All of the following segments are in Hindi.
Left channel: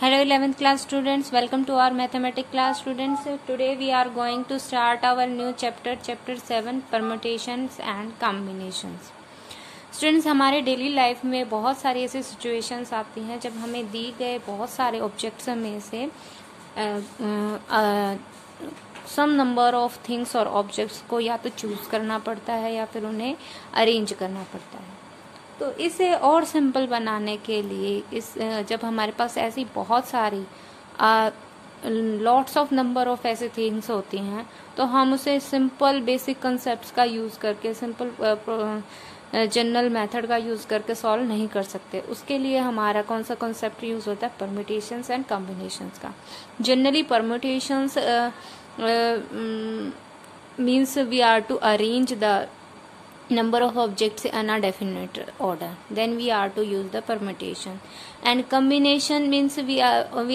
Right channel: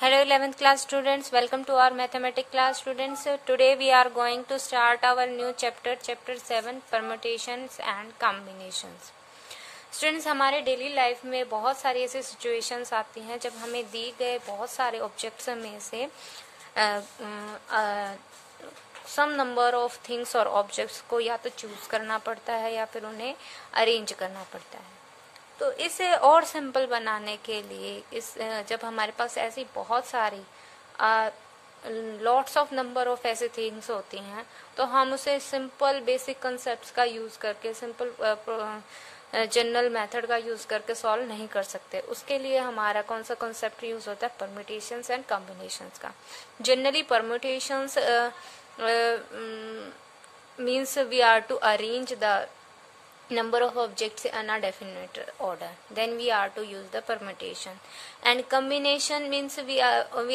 Hello 11th class students, welcome to our mathematics class students. Today we are going to start our new chapter 7 permutations and combinations. Students, हमारे डेली लाइफ में बहुत सारी ऐसी सिचुएशंस आती हैं जब हमें दी गए बहुत सारे ऑब्जेक्ट्स में से सम नंबर ऑफ थिंग्स और ऑब्जेक्ट्स को या तो चूज करना पड़ता है या फिर उन्हें अरेंज करना पड़ता है। तो इसे और सिंपल बनाने के लिए जब हमारे पास ऐसी बहुत सारी लॉट्स ऑफ नंबर ऑफ ऐसे थिंग्स होती हैं तो हम उसे सिंपल बेसिक कंसेप्ट्स का यूज करके सिंपल जनरल मेथड का यूज करके सॉल्व नहीं कर सकते। उसके लिए हमारा कौन सा कंसेप्ट यूज होता है? परम्यूटेशंस एंड कॉम्बिनेशंस का। Generally permutations means we are to arrange the number of objects in a definite order, then we are to use the permutation, and combination means we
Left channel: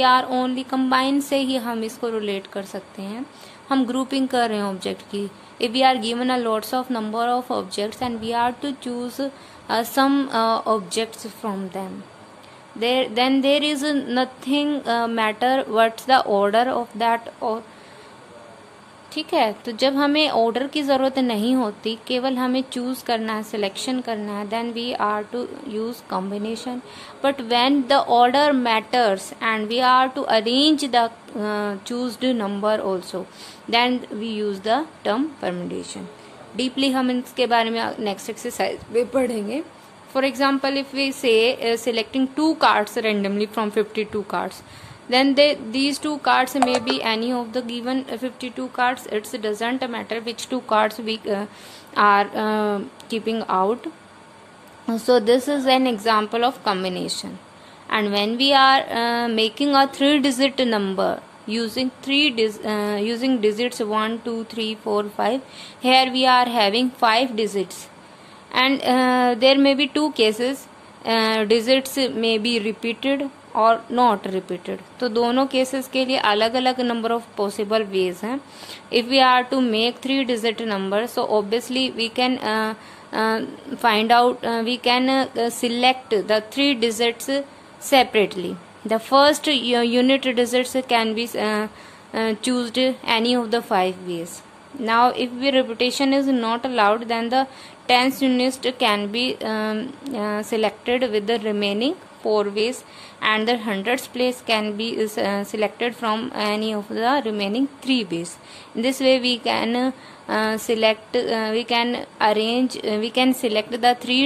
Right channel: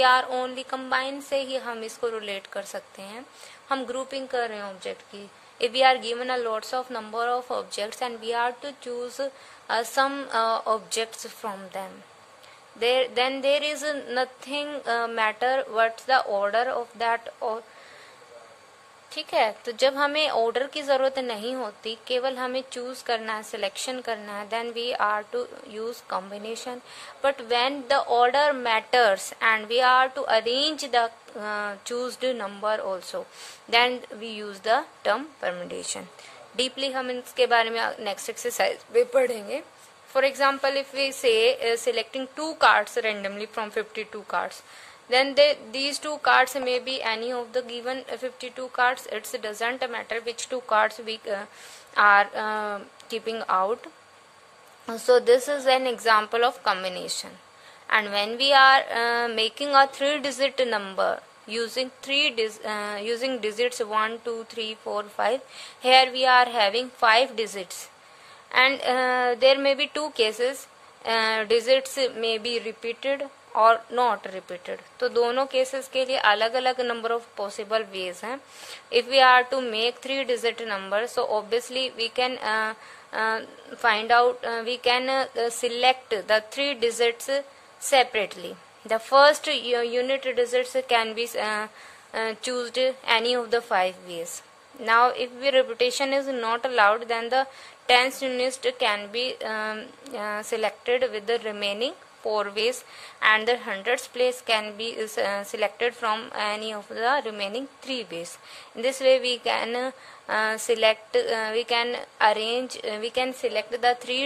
are only combine से ही हम इसको relate कर सकते हैं। हम grouping कर रहे हैं object की। if we are given a lots of number of objects and we are to choose some objects from them, then there is nothing matter what's the order of that or ठीक है। तो जब हमें ऑर्डर की जरूरत नहीं होती, केवल हमें चूज करना है, सिलेक्शन करना है, then we are to use combination. But when the order matters and we are to arrange the chosen number also, then we use the term permutation. Deeply हम इसके बारे में नेक्स्ट एक्सरसाइज में पढ़ेंगे। For example, if we say selecting 2 cards randomly from 52 cards, then these 2 cards may be any of the given 52 cards. It doesn't matter which 2 cards we are keeping out. So this is an example of combination. And when we are making a 3-digit number using using digits 1 2 3 4 5, here we are having 5 digits, and there may be 2 cases. Digits may be repeated और नॉट रिपीटेड। तो दोनों केसेस के लिए अलग अलग नंबर ऑफ पॉसिबल वेज हैं। If we are to make 3-digit number, so obviously we can find out, we can select the 3 digits separately. The first unit digits can be choosed any of the 5 ways. Now if repetition is not allowed, then the 10th unit can be selected with the remaining 4 ways, and the 100th place can be selected from any of the remaining 3 ways. In this way we can we can arrange, we can select the 3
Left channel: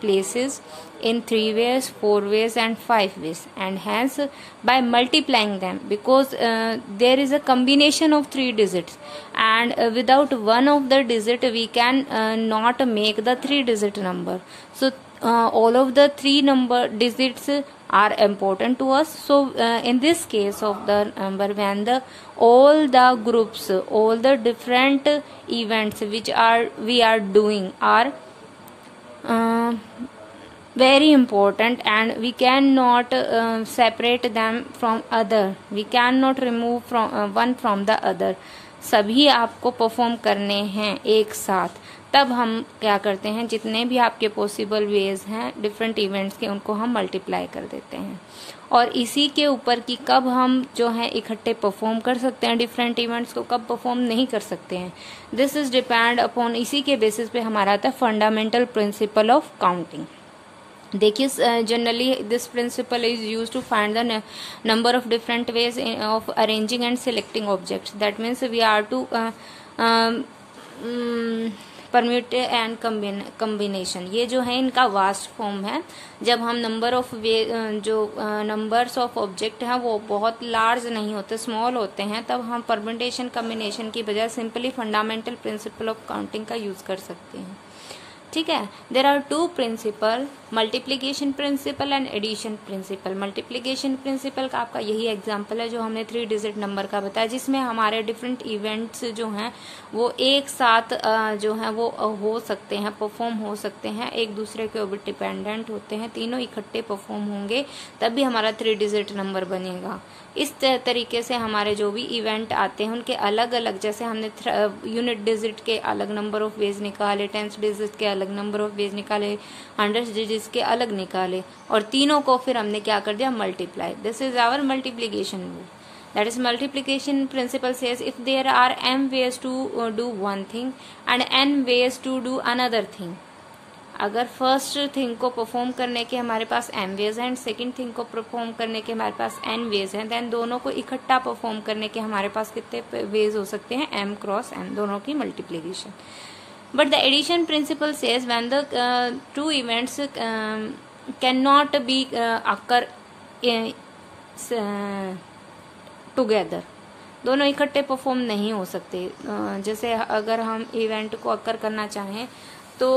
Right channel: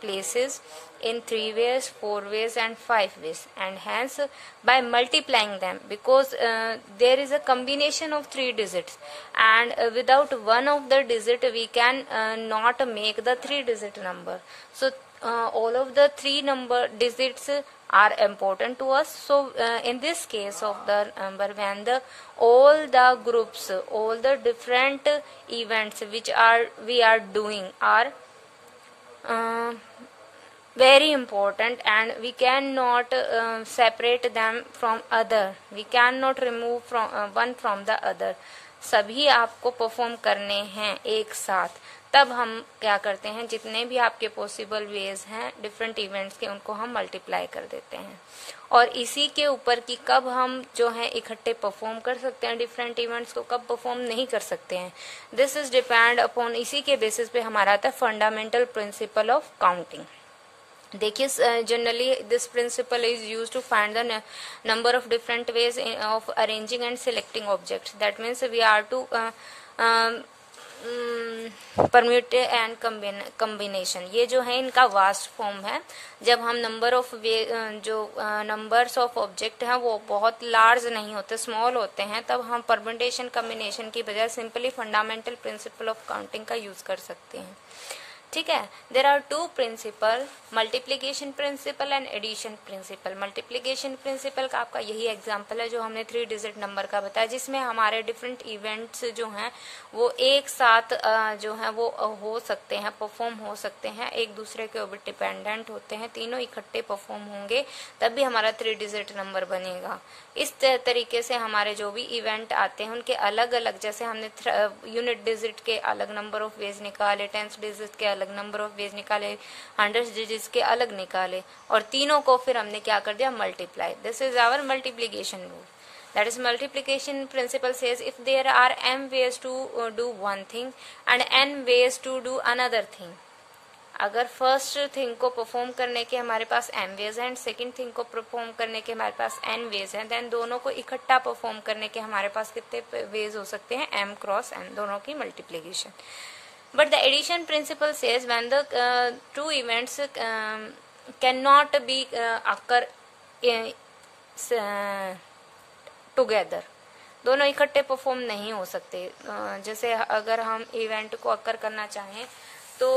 places in 3 ways, 4 ways and 5 ways, and hence by multiplying them, because there is a combination of 3 digits, and without one of the digit we can not make the 3-digit number. So all of the 3 digits are important to us. So in this case of the number, when all the groups, all the different events which we are doing are very important, and we cannot separate them from other, we cannot remove from one from the other, सभी आपको परफॉर्म करने हैं एक साथ। तब हम क्या करते हैं, जितने भी आपके पॉसिबल वेज हैं डिफरेंट इवेंट्स के, उनको हम मल्टीप्लाई कर देते हैं। और इसी के ऊपर कि कब हम जो है इकट्ठे परफॉर्म कर सकते हैं डिफरेंट इवेंट्स को, कब परफॉर्म नहीं कर सकते हैं, दिस इज डिपेंड अपॉन, इसी के बेसिस पे हमारा आता है फंडामेंटल प्रिंसिपल ऑफ काउंटिंग। देखिए, generally this principle is use to find the number of different ways of arranging and selecting objects. That means we are to permute and combination. ये जो है इनका वास्ट फॉर्म है। जब हम नंबर ऑफ जो नंबर्स ऑफ ऑब्जेक्ट हैं वो बहुत लार्ज नहीं होते, स्मॉल होते हैं, तब हम परम्यूटेशन कॉम्बिनेशन की बजाय simply fundamental principle of counting का यूज कर सकते हैं। ठीक है। There are 2 principle, multiplication principle and addition principle. Multiplication principle का आपका यही एग्जांपल है जो हमने 3-digit नंबर का बताया, जिसमें हमारे डिफरेंट इवेंट्स जो हैं वो एक साथ जो है वो हो सकते हैं, परफॉर्म हो सकते हैं, एक दूसरे के ऊपर डिपेंडेंट होते हैं, तीनों इकट्ठे परफॉर्म होंगे तभी हमारा 3-digit नंबर बनेगा। इस तरीके से हमारे जो भी इवेंट आते हैं उनके अलग अलग, जैसे हमने यूनिट डिजिट के अलग नंबर ऑफ वेज निकाले, 10th digit के अलग अलग, नंबर ऑफ वेज निकाले 100 डिजिट्स के अलग निकाले, और तीनों को फिर हमने क्या कर दिया, multiply. This is our multiplication rule. That is multiplication principle says if there are m ways to do one thing and n ways to do another thing. अगर फर्स्ट थिंग को परफॉर्म करने के हमारे पास m वेज है एंड सेकंड थिंग को परफॉर्म करने के हमारे पास n वेज है, देन दोनों को इकट्ठा परफॉर्म करने के हमारे पास कितने वेज हो सकते हैं, m क्रॉस n, दोनों की multiplication. But the addition principle says when the two events can not be occur together, दोनों इकट्ठे परफॉर्म नहीं हो सकते. जैसे अगर हम इवेंट को अकर करना चाहें तो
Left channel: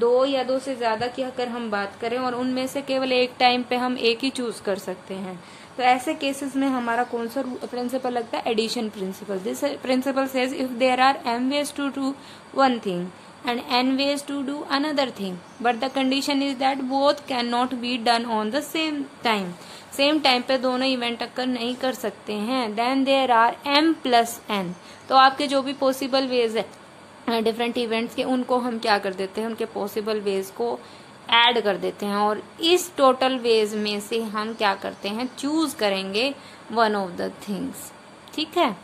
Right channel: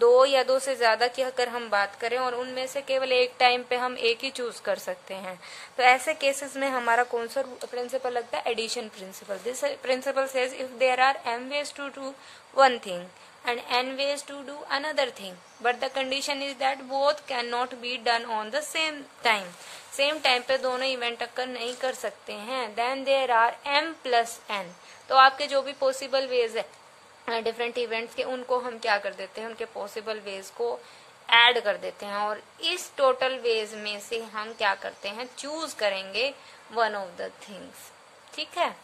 दो या दो से ज्यादा की अगर हम बात करें और उनमें से केवल एक टाइम पे हम एक ही चूज कर सकते हैं, तो ऐसे केसेस में हमारा कौन सा प्रिंसिपल लगता है, addition principle. This principle says if there are m ways to do one thing and n ways to do another thing, but the condition is that both cannot be done on the same time. Same time पे दोनों इवेंट अक्कर नहीं कर सकते हैं. Then there are m plus n. तो आपके जो भी पॉसिबल वेज है डिफरेंट इवेंट्स के, उनको हम क्या कर देते हैं, उनके पॉसिबल वेज को ऐड कर देते हैं, और इस टोटल वेज में से हम क्या करते हैं, चूज करेंगे वन ऑफ द थिंग्स. ठीक है.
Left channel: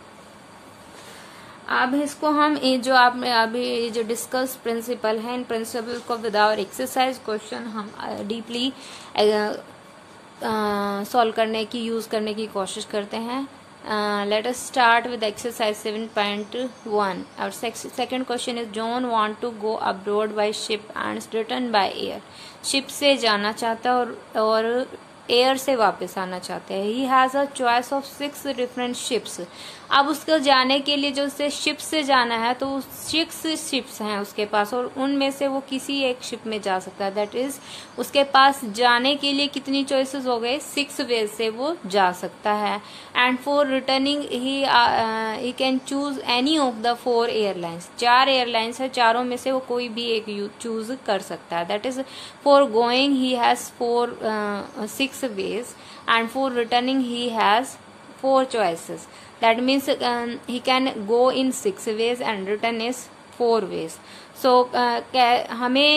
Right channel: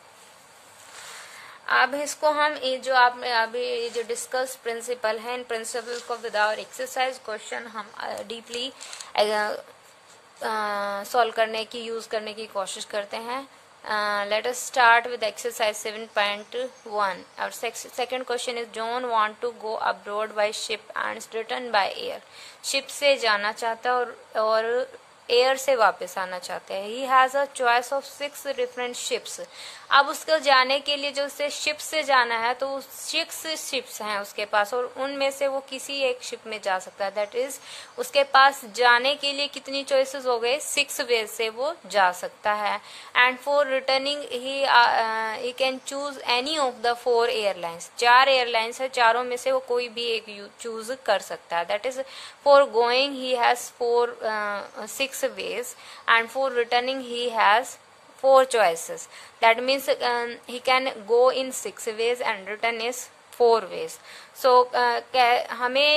अब इसको हम ये जो आप अभी ये जो डिस्कस प्रिंसिपल है, इन प्रिंसिपल को विदाउट एक्सरसाइज क्वेश्चन हम डीपली सॉल्व करने की, यूज करने की कोशिश करते हैं. Let us start with exercise 7.1. और second question is John want to go abroad by ship and return by air. Ship से जाना चाहता है और एयर से वापस आना चाहते हैं. He has a choice of 6 different ships. अब उसको जाने के लिए जो उसे शिप से जाना है तो 6 शिप्स हैं उसके पास, और उनमें से वो किसी एक शिप में जा सकता है. दैट इज उसके पास जाने के लिए कितनी चॉइसेस हो गए, 6 वे से वो जा सकता है. And for returning he can choose any of the 4 airlines. 4 airlines है, चारों में से वो कोई भी एक चूज कर सकता है. That is for going he has 6 ways and for returning he has 4 choices. That means he can go in 6 ways and return is 4 ways. So हमें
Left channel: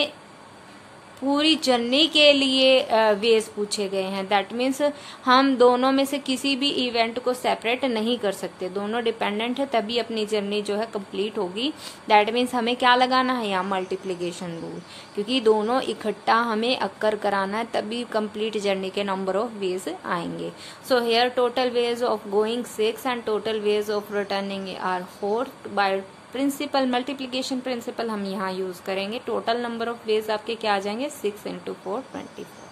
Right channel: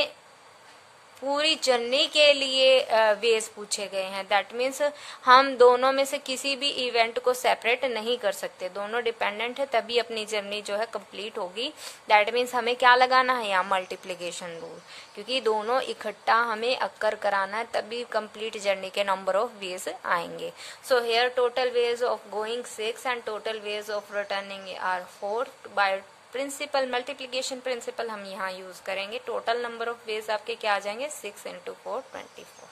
पूरी जर्नी के लिए वेज पूछे गए हैं. दैट मीन्स हम दोनों में से किसी भी इवेंट को सेपरेट नहीं कर सकते, दोनों डिपेंडेंट है, तभी अपनी जर्नी जो है कंप्लीट होगी. दैट मीन्स हमें क्या लगाना है यहाँ, मल्टीप्लीकेशन रूल, क्योंकि दोनों इकट्ठा हमें अक्कर कराना है, तभी कंप्लीट जर्नी के नंबर ऑफ वेज आएंगे. So here total ways of going 6 and total ways of returning are 4. By principle multiplication principle हम यहाँ यूज करेंगे. टोटल नंबर ऑफ वेज आपके क्या आ जाएंगे, 6 into 4 24.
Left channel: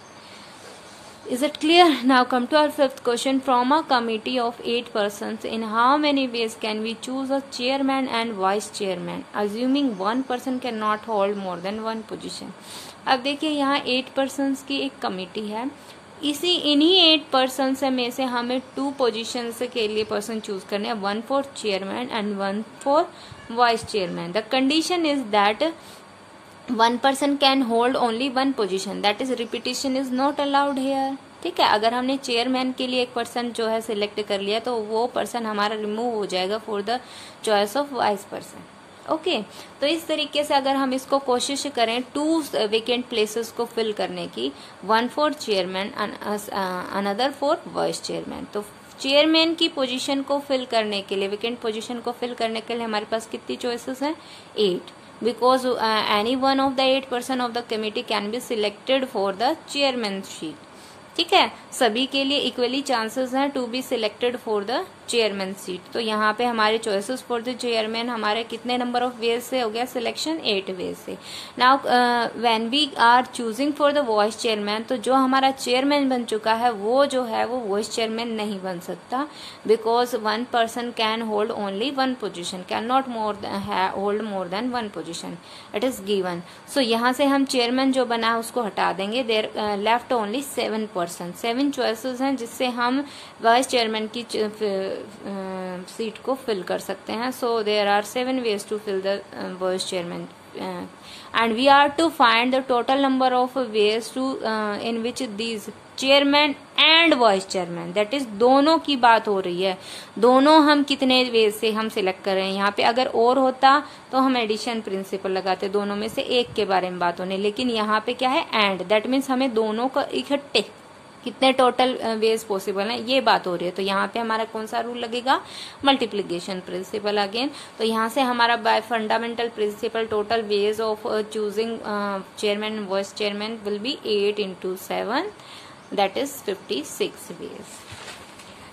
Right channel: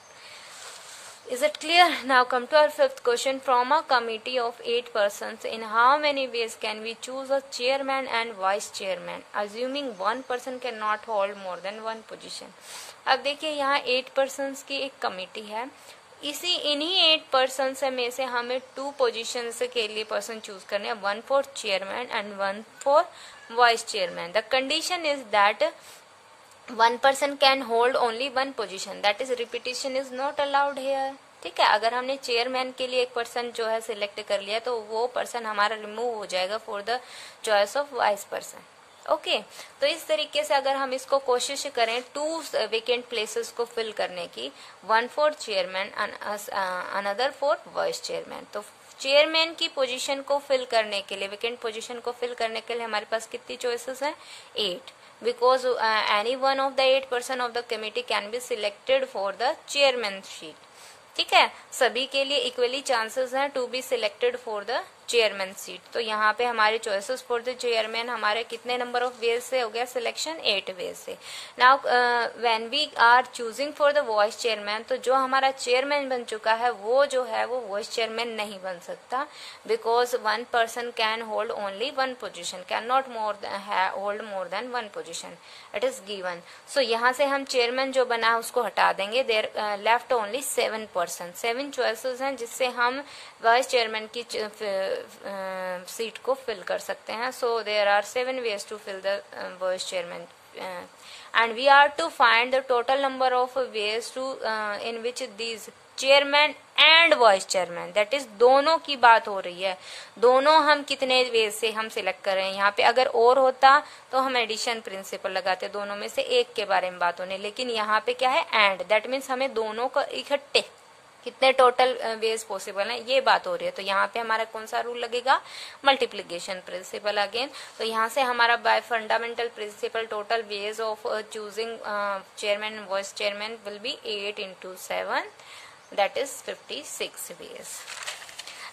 Is it clear? Now come to our fifth question. From a committee of 8 persons, in how many ways can we choose a chairman and vice chairman, assuming one person cannot hold more than one position? अब देखिए यहाँ 8 persons की एक कमिटी है. इन्हीं 8 पर्सन में से हमें 2 पोजिशन के लिए पर्सन चूज करने हैं, 1 for chairman and 1 for vice chairman. The condition is that 1 person can hold only 1 position. That is repetition is not allowed here. ठीक है. अगर हमने चेयरमैन के लिए एक पर्सन जो है सिलेक्ट कर लिया तो वो पर्सन हमारा रिमूव हो जाएगा for the choice of wise person. Okay. तो इस तरीके से अगर हम इसको कोशिश करें 2 वेकेंट प्लेसेस को फिल करने की, 1 for chairman and another for vice chairman. तो चेयरमैन की पोजीशन को फिल करने के लिए, वेकेंट पोजीशन को फिल करने के लिए हमारे पास कितनी चॉइसेस हैं, 8. Because any one of the 8 person of the committee can be selected for the chairman seat. ठीक है. सभी के लिए इक्वली चांसेस हैं to be selected for the chairman seat. तो यहाँ पे हमारे चॉइसेस फॉर द चेयरमैन हमारे कितने नंबर ऑफ वेज से हो गया सिलेक्शन, 8 वेज से. Now when we are choosing for the vice chairman, तो जो हमारा चेयरमैन बन चुका है वो जो है वो वाइस चेयरमैन नहीं बन सकता, because 1 person can hold only 1 position, can not hold more than 1 position. It is given. So यहाँ से हम चेयरमैन जो बना है उसको हटा देंगे. There left only 7 person. 7 choices हैं जिससे हम वाइस चेयरमैन की सीट को फिल कर सकते हैं. So there are 7 ways to fill the vice chairman, and we are to find the total number of ways to in which these chairman and vice chairman, that is दोनों की बात हो रही है। दोनों हम कितने वे से हम सिलेक्ट कर रहे हैं। यहाँ पे अगर और होता तो हम एडिशन प्रिंसिपल लगाते, दोनों में से एक के बारे में बात होने, लेकिन यहाँ पे क्या है एंड, दैट मीन्स हमें दोनों का इकट्ठे कितने टोटल वेज पॉसिबल है ये बात हो रही है। तो यहाँ पे हमारा कौन सा रूल लगेगा, मल्टीप्लीकेशन प्रिंसिपल अगेन। तो यहाँ से हमारा bye fundamental principle total ways of choosing chairman and vice chairman will be 8 into 7, that is 56 ways.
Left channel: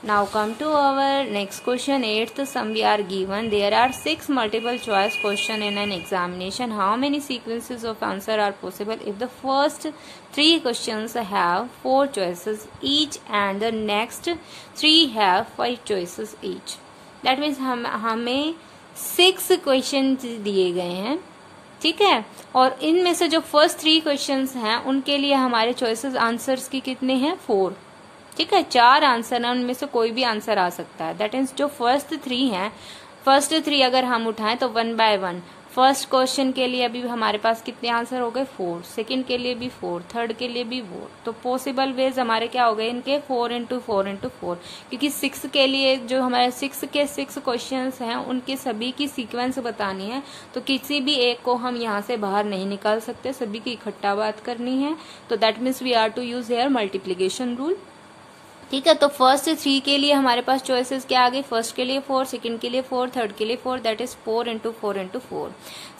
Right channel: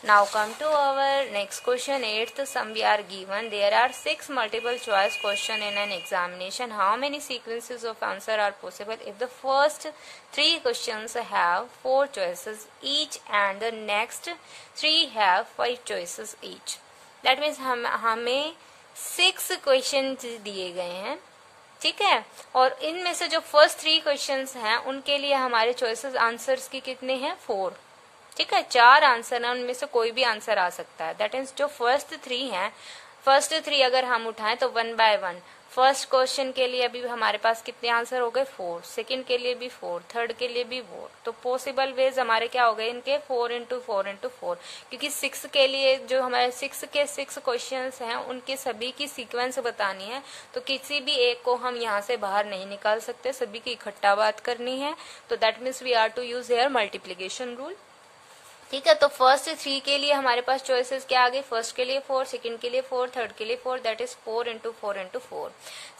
Now come to our next question. 8th sum we are given. There are 6 multiple choice question in an examination. How many sequences of answer are possible if the first 3 questions have 4 choices each and the next 3 have 5 choices each? That means हमें 6 questions दिए गए हैं, ठीक है, और इनमें से जो फर्स्ट 3 क्वेश्चंस हैं उनके लिए हमारे चॉइसेस आंसर्स की कितने हैं, 4, ठीक है, 4 आंसर है, उनमें से कोई भी आंसर आ सकता है। दैट मीन्स जो फर्स्ट 3 हैं, फर्स्ट 3 अगर हम उठाएं तो 1 by 1, फर्स्ट क्वेश्चन के लिए अभी हमारे पास कितने आंसर हो गए, 4, सेकंड के लिए भी 4, थर्ड के लिए भी 4, तो पॉसिबल वेज हमारे क्या हो गए इनके 4 into 4 into 4, क्योंकि 6 के लिए जो हमारे 6 के 6 क्वेश्चंस हैं उनके सभी की सीक्वेंस बतानी है, तो किसी भी एक को हम यहाँ से बाहर नहीं निकाल सकते, सभी की इकट्ठा बात करनी है। तो that means we are to use here multiplication rule, ठीक है। तो फर्स्ट 3 के लिए हमारे पास चॉइसेस क्या आ गई, फर्स्ट के लिए 4, सेकंड के लिए 4, थर्ड के लिए 4, that is 4 into 4 into 4।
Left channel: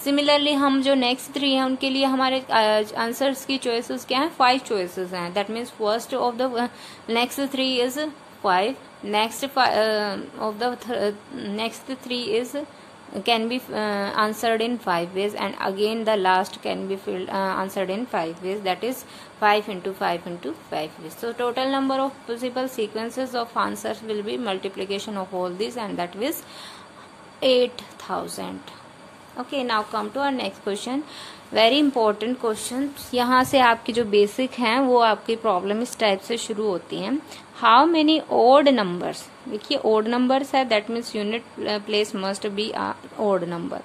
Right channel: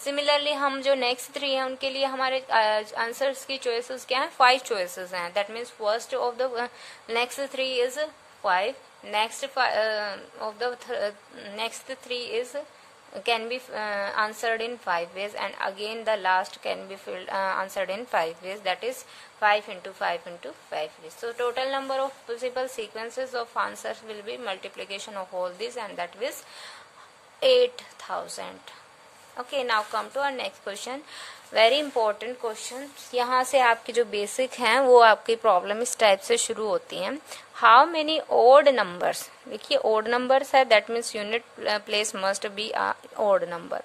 Similarly हम जो नेक्स्ट 3 हैं उनके लिए हमारे आंसर्स की चॉइसेस क्या है, 5 चॉइसेस हैं। That means first of the next 3 is 5, next of the next 3 is can be answered in 5 ways, and again the last can be answered in 5 ways, that is 5 into 5 into 5 ways. So total number of possible sequences of answers will be multiplication of all these, and that is 8000. Okay, now come to our next question. Very important question. यहाँ से आपकी जो बेसिक हैं वो आपकी प्रॉब्लम इस टाइप से शुरू होती हैं। हाउ मेनी ओड नंबर्स, देखिए ओड नंबर्स है, that means unit place must be odd number,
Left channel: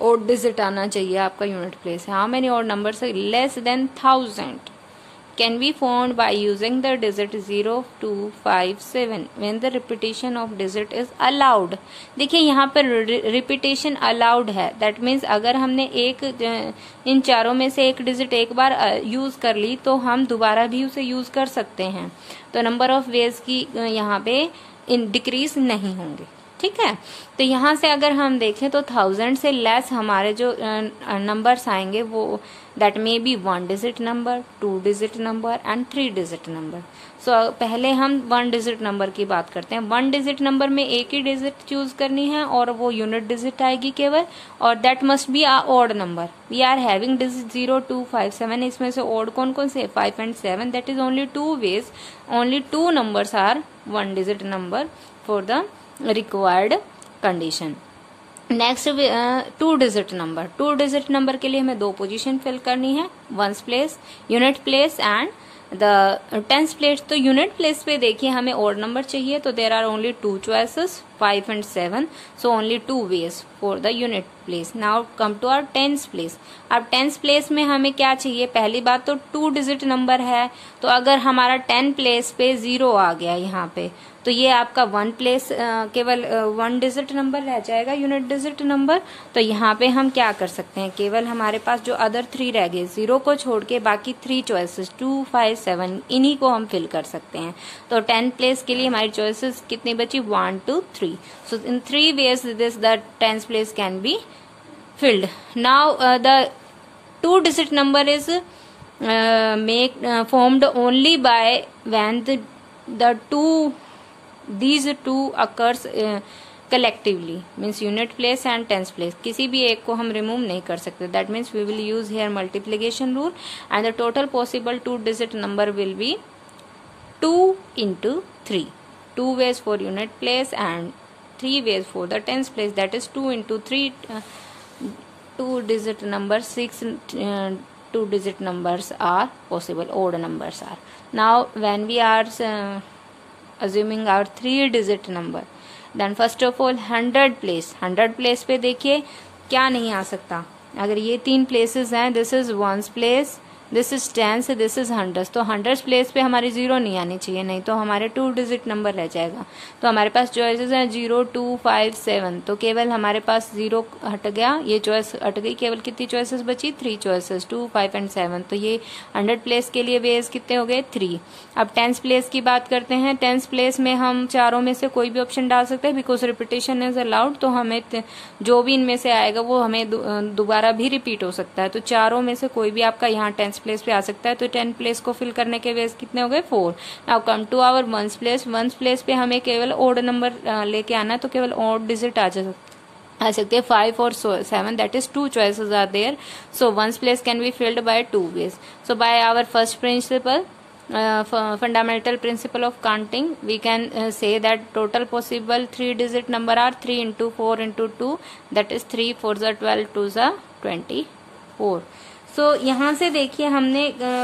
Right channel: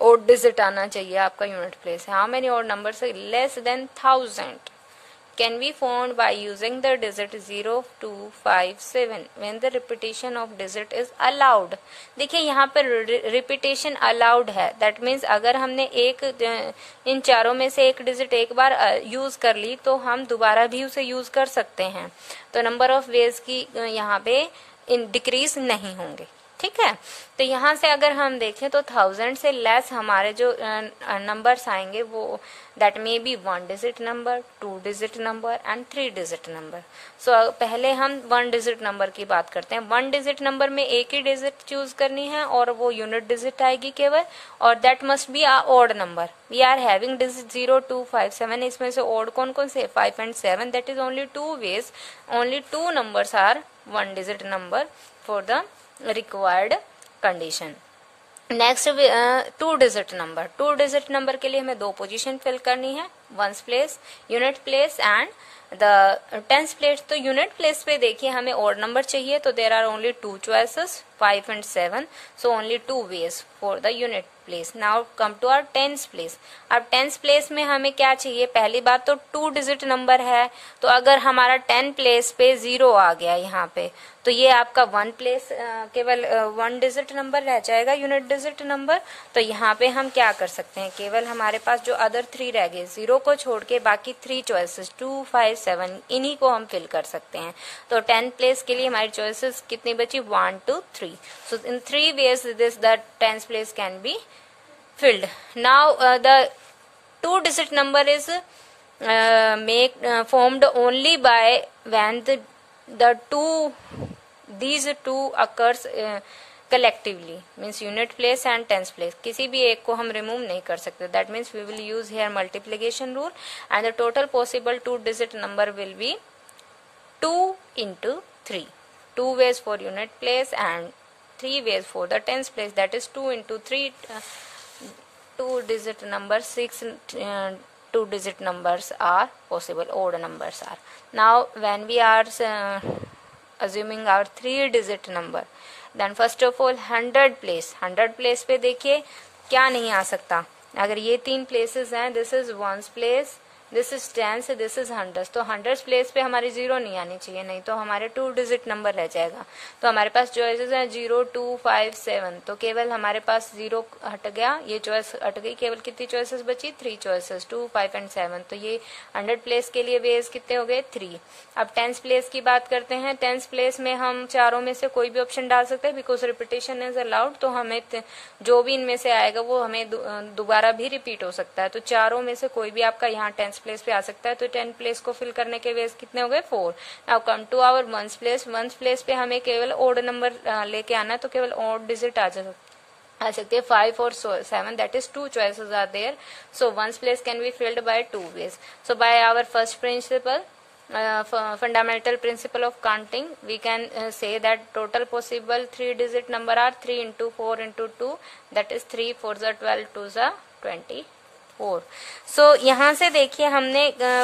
odd digit आना चाहिए आपका unit place. How many odd numbers less than 1000 can be found by using the digit 0, 2, 5, 7 when the repetition of digit is allowed। देखिए यहाँ पर रिपीटेशन अलाउड है, दैट मीन्स अगर हमने इन चारों में से एक डिजिट एक बार यूज कर ली तो हम दोबारा भी उसे यूज कर सकते हैं, तो नंबर ऑफ वेज की यहाँ पे डिक्रीज नहीं होंगे, ठीक है। तो यहाँ से अगर हम देखें तो 1000 से लेस हमारे जो नंबर्स आएंगे वो that may be 1 digit number, 2 digit number and 3 digit number. So पहले हम 1 डिजिट नंबर की बात करते हैं। 1 डिजिट नंबर में एक ही डिजिट चूज करनी है और वो यूनिट डिजिट आएगी केवल, और that must be a odd number. We are having digit 0, 2, 5, 7, इसमें से ऑड कौन कौन से 5 and 7, that is only 2 ways, only 2 numbers are 1 digit number for the required condition. Next 2 digit number, 2 digit number के लिए हमें 2 पोजीशन फिल करनी है, ones place, unit place and the tens place. तो यूनिट प्लेस पे देखिए हमें ऑड नंबर चाहिए, तो there are only 2 choices 5 and 7, so only 2 ways for the unit place. Now come to our tens place. अब टेंस प्लेस में हमें क्या चाहिए, पहली बात तो 2 डिजिट नंबर है, तो अगर हमारा 10 प्लेस पे 0 आ गया यहाँ पे, तो ये आपका 1 प्लेस केवल 1 डिजिट नंबर रह जाएगा, यूनिट डिजिट नंबर। तो यहाँ पे हम क्या कर सकते हैं, केवल हमारे पास जो अदर 3 रह गए, 0 को छोड़ के बाकी 3 चॉइसेस 2, 5, 7 इन्हीं को हम फिल कर सकते हैं। तो 10 प्लेस के लिए हमारी चॉइसेस कितनी बची, 1, 2, 3। So in 3 ways this the 10th place can be filled. Now the 2 digit number is formed only by when these two occurs collectively, means unit place and tens place। किसी भी एक को हम रिमूव नहीं कर सकते, that means we will use here multiplication rule and the total possible 2 digit number will be 2 into 3, 2 ways for unit place and 3 ways for the tens place, that is 2 into 3, 2 digit number, 6 2 digit numbers are possible, odd numbers are। Now when we are assuming our 3 digit number, then first of all 100 place पे देखिए क्या नहीं आ सकता, अगर ये 3 places हैं, this is 1's place, this is tens, this is hundreds. तो हंड्रेड्स प्लेस पे हमारी 0 नहीं आनी चाहिए, नहीं तो हमारे 2 डिजिट नंबर रह जाएगा। तो हमारे पास चॉइसेस हैं 0, 2, 5, 7। तो केवल हमारे पास 0 हट गया, ये चॉइस हट गई, केवल कितनी चॉइसेस बची? 3 चॉइसेस, 2, 5 एंड 7। तो ये 100 प्लेस के लिए वेज कितने हो गए? 3। अब 10th प्लेस की बात करते हैं। 10th प्लेस में हम चारों में से कोई भी ऑप्शन डाल सकते हैं, बिकॉज रिपीटेशन इज अलाउड। तो हमें जो भी इनमें से आएगा वो हमें दोबारा भी रिपीट हो सकता है। तो चारों में से कोई भी आपका यहाँ 10th प्लेस पे आ सकता है। तो 10 प्लेस को फिल करने के वेज कितने हो गए? 4। Now come to our 1st place. 1st place पे हमें केवल ओड नंबर लेके आना है, तो केवल ओड डिजिट आ सकते हैं 5 और 7, that is 2 choices are there. So 1st place can be filled by 2 ways. So by our first principle, fundamental principle of counting, we can say that total possible 3 digit number are 3 into 4 into 2, that is 3 4s are 12, 2s are 24. सो यहाँ से देखिए हमने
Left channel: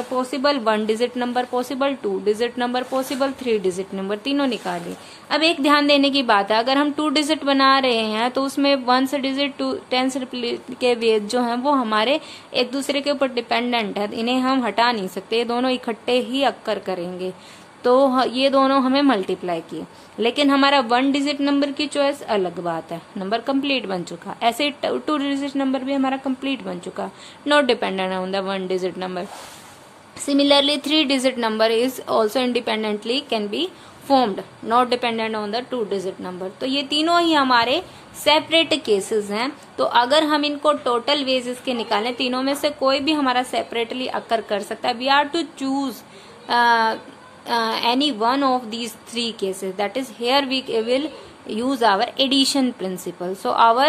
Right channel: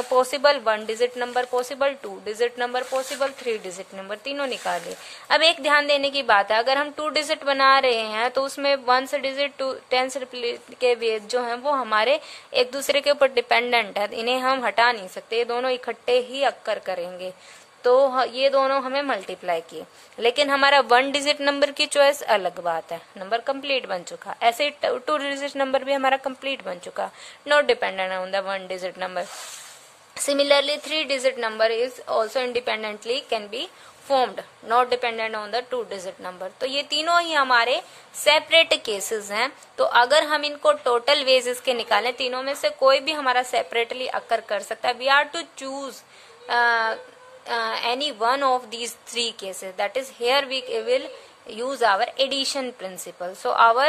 possible 1 digit number, possible 2 digit number, possible 3 digit number तीनों निकाले। अब एक ध्यान देने की बात है, अगर हम 2 डिजिट बना रहे हैं तो उसमें 1 डिजिट 10 के वेज जो हैं वो हमारे एक दूसरे के ऊपर डिपेंडेंट है, इन्हें हम हटा नहीं सकते, ये दोनों इकट्ठे ही अक्कर करेंगे। तो ये दोनों हमें मल्टीप्लाई किए। लेकिन हमारा 1 डिजिट नंबर की चॉइस अलग बात है, नंबर कंप्लीट बन चुका। ऐसे 2 डिजिट नंबर भी हमारा कंप्लीट बन चुका, not dependent on the 1 digit number. Similarly 3 digit number is also independently can be formed, not dependent on the 2 digit number. तो ये तीनों ही हमारे सेपरेट केसेस हैं। तो अगर हम इनको टोटल वेजेस के निकालें, तीनों में से कोई भी हमारा सेपरेटली अकर कर सकता है। We are to choose any one of these 3 cases, that is here we will use our addition principle. So our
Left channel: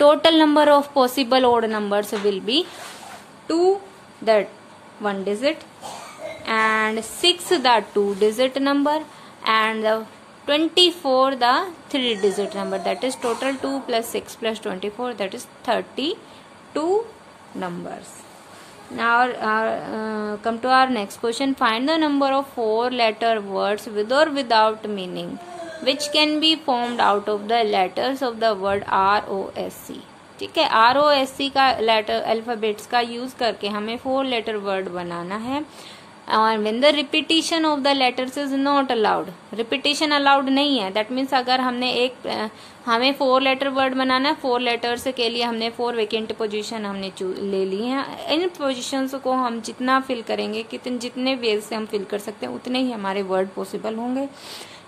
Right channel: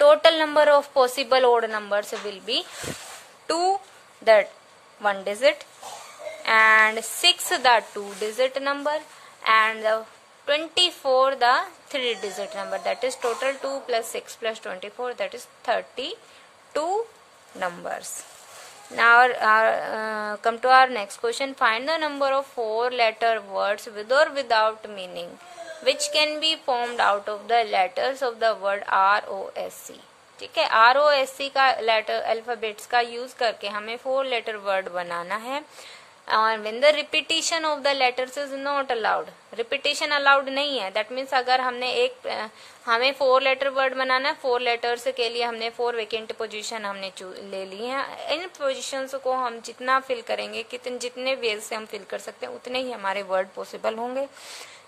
total number of possible odd numbers will be 2 the 1 digit and 6 the 2 digit number and the 24 the 3 digit number, that is total 2 plus 6 plus 24, that is 32 numbers. Now come to our next question. Find the number of 4 letter words with or without meaning which can be formed out of the letters of the word ROSC. ठीक है, ROSC का लेटर अल्फाबेट्स का यूज करके हमें 4 लेटर वर्ड बनाना है। when the repetition of the letters is not allowed, repetition allowed नहीं है, that means अगर हमने हमें 4 लेटर वर्ड बनाना है, 4 लेटर्स के लिए हमने 4 वेकेंट पोजीशन हमने ले ली हैं। इन पोजीशंस को हम जितना फिल करेंगे, जितने वेज से हम फिल कर सकते हैं उतने ही हमारे वर्ड पॉसिबल होंगे।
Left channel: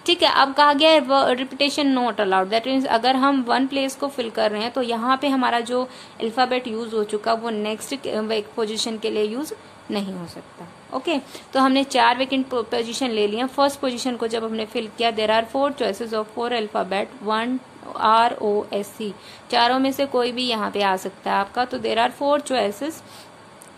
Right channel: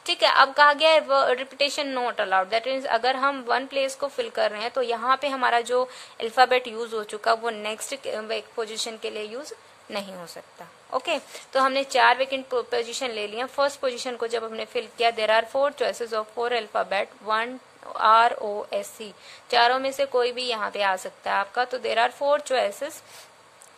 ठीक है, अब कहा गया है repetition not allowed, that means अगर हम 1 प्लेस को फिल कर रहे हैं तो यहाँ पे हमारा जो अल्फाबेट यूज हो चुका वो नेक्स्ट पोजीशन के लिए यूज नहीं हो सकता। ओके, तो हमने 4 वेकेंट पोजीशन ले लिया। फर्स्ट पोजीशन को जब हमने फिल किया, there are 4 choices of 4 alphabet, 1 ROSC, चारों में से कोई भी यहाँ पे आ सकता है आपका। तो there are 4 choices.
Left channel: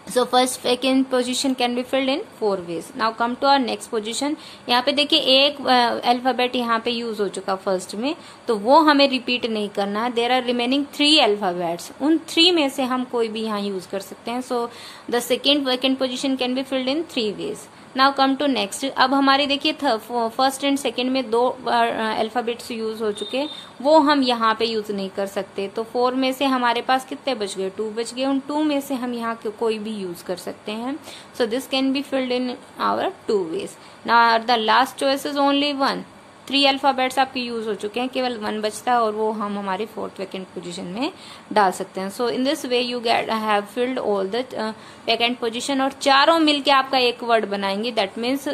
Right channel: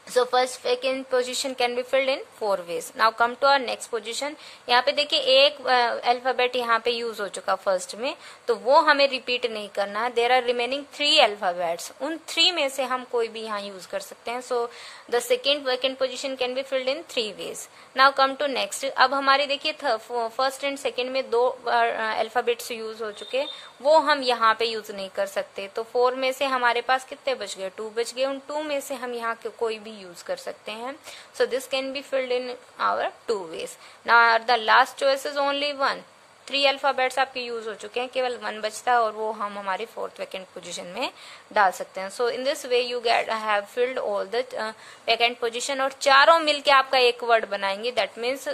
So first vacant position can be filled in 4 ways. Now come to our next position. यहाँ पे देखिए एक अल्फाबेट यहाँ पे यूज हो चुका फर्स्ट में, तो वो हमें रिपीट नहीं करना है। देयर आर रिमेनिंग 3 अल्फाबेट्स, उन 3 में से हम कोई भी यहाँ यूज कर सकते हैं। So the second vacant position can be filled in 3 ways. Now come to next. अब हमारे देखिए फर्स्ट एंड सेकेंड में 2 अल्फाबेट्स यूज हो चुके, वो हम यहाँ पे यूज नहीं कर सकते। तो 4 में से हमारे पास कितने बच गए? 2 बच गए। उन 2 में से हम यहाँ कोई भी यूज कर सकते हैं। So this can be filled in our 2 ways. Now the last choice is only 1। 3 alphabets आपके यूज हो चुके हैं, केवल 1 बचता है और वो हम हमारी 4th वैकेंट पोजीशन में डाल सकते हैं। So in this way you have filled all the vacant position, और चारों मिलके आपका एक वर्ड बनाएंगे, दैट मीन्स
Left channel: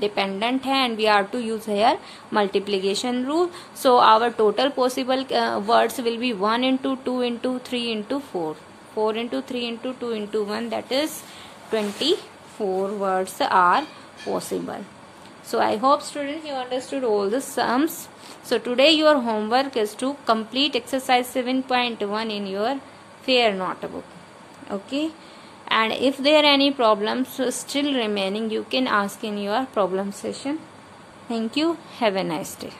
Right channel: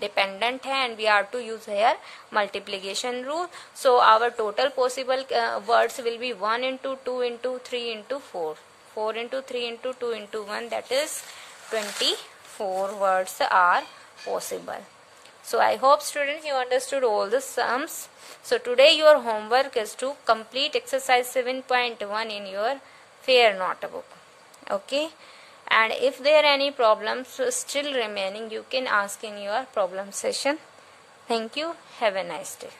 डिपेंडेंट है, and we are to use here multiplication rule. So our total possible words will be 1 into 2 into 3 into 4, 4 into 3 into 2 into 1, that is 24 words are possible. So I hope students you understood all the sums. So today your homework is to complete exercise 7.1 in your fair notebook. Okay, and if there are any problems still remaining, you can ask in your problem session. Thank you. Have a nice day.